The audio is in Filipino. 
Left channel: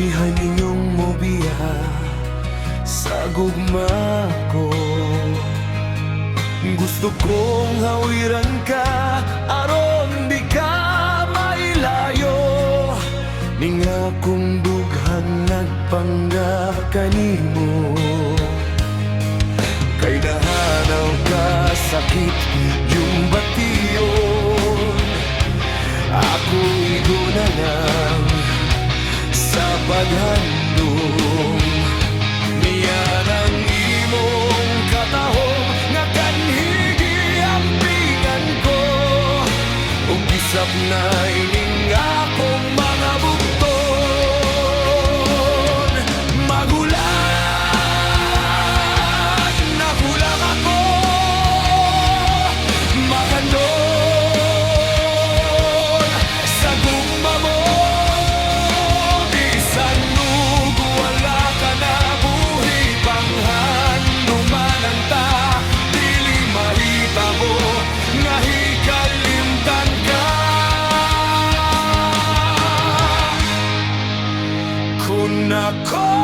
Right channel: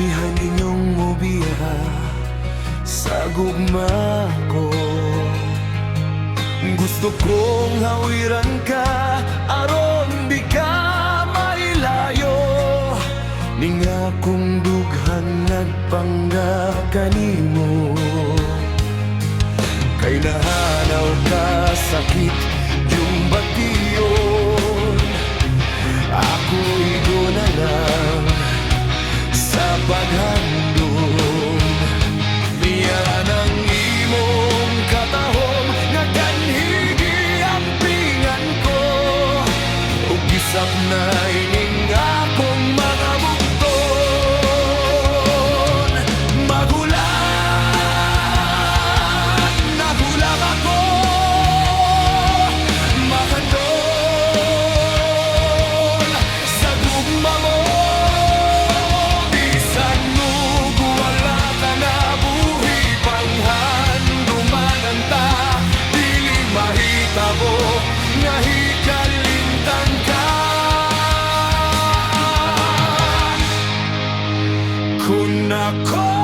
Damihan ninyong mobiya sa gugma ko. Gusto kong hawiran ka aron di ka mailayo. Ning akong dughan nagpanggap kanimo. Kay nahanaw ka sakit yung bation. Ako igo na lang sa paghandom. Niya ng imong katahom nga kanhigi ampingan ko. Ug gisap na ining akong mga bugton. Magulat, nagulang ako. Makandol sa gugma mo. Bisan ug wala ka na buhi panghandumanan ta. Dili mahitabo nga hikalimtan ka. Kung ako